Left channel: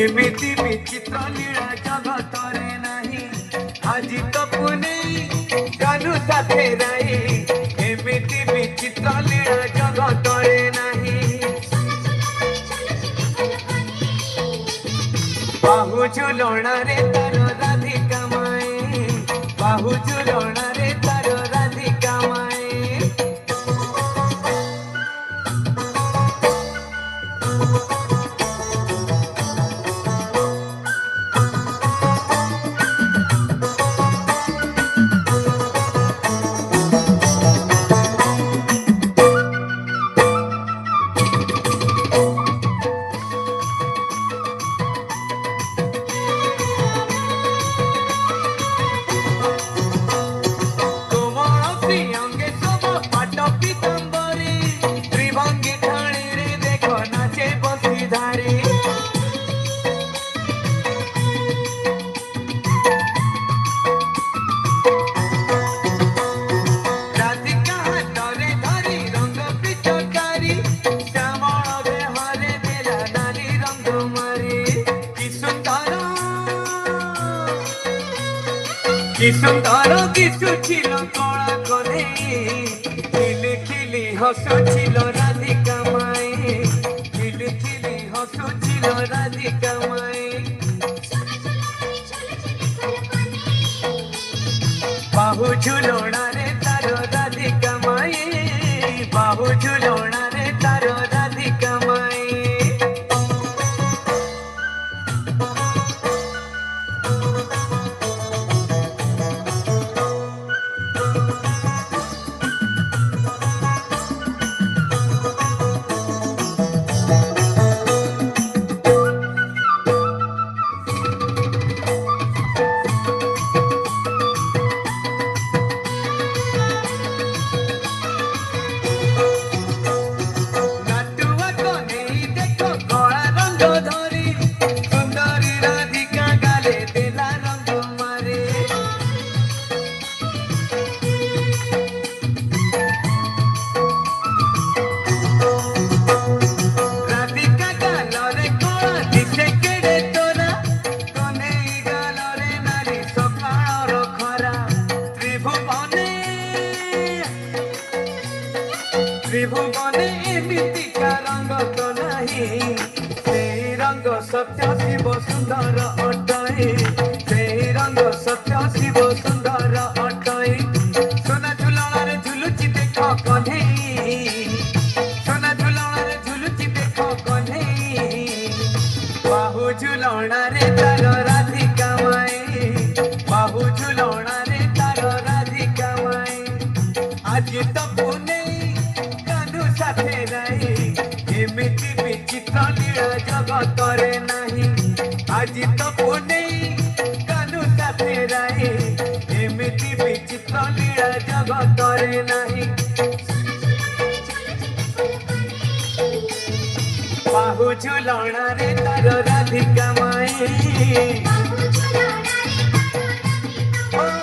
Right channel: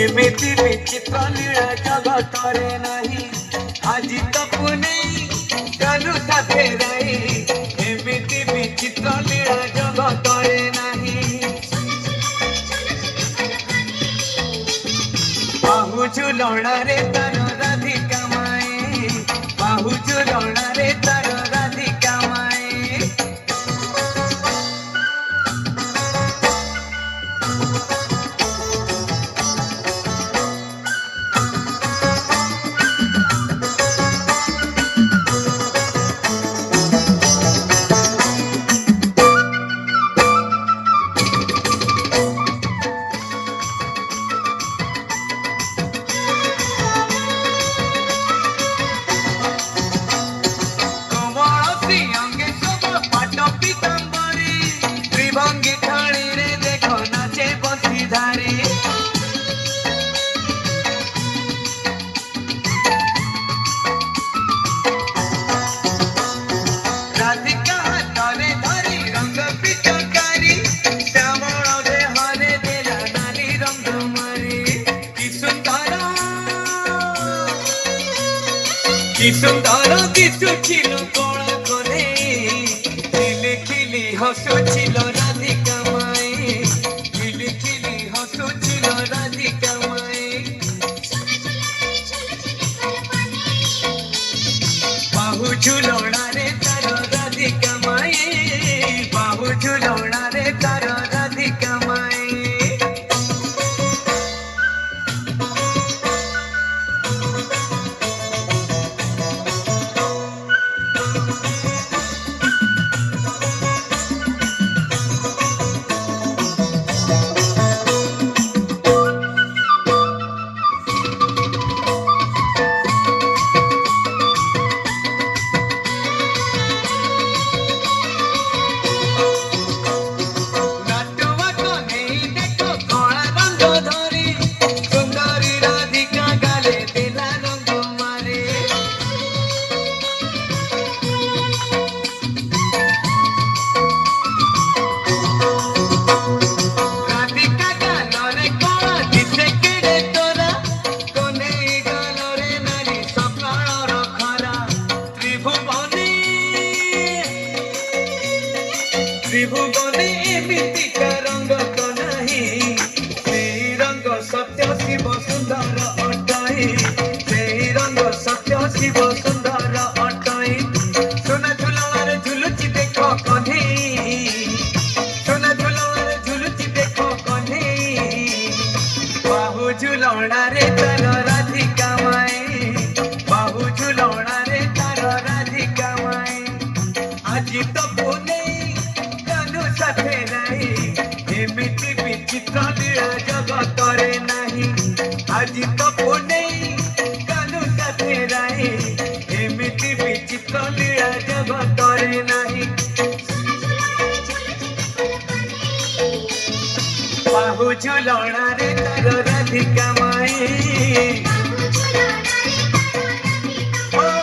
एमिति विचित्र लीला जगतरे नहीं आज तो पुणे जानु साथे रही एमिति विचित्र लीला जगतरे नहीं बाहु झुलणा रे तार राधिका माए बाहु झुलणा रे तार राधिका माए कि सुंदर दिशुचिल कला करे खिली खिली हसुचिल राधिका माए खिली खिली हसुचिल राधिका माए बाहु झुलणा रे तार राधिका माए बाहु झुलणा रे तार राधिका माए त्रिभुवने एमितिका रंग तो नहीं से रंग सत्य शिव सुंदर अटाई से रंग सत्य शिव सुंदर अटाई सोना झुलवारे झुलुची देखो कन्हे सोना झुलवारे झुलुची देखो कन्हे बाहु झुलणा रे तार राधिका माए बाहु झुलणा रे तार राधिका माए आज तो पुणे साथे नहीं एमिति विचित्र लीला जगतरे नहीं आज तो पुणे कानू साथे नहीं एमिति विचित्र लीला जगतरे नहीं बाहु झुलणा रे तार राधिका माए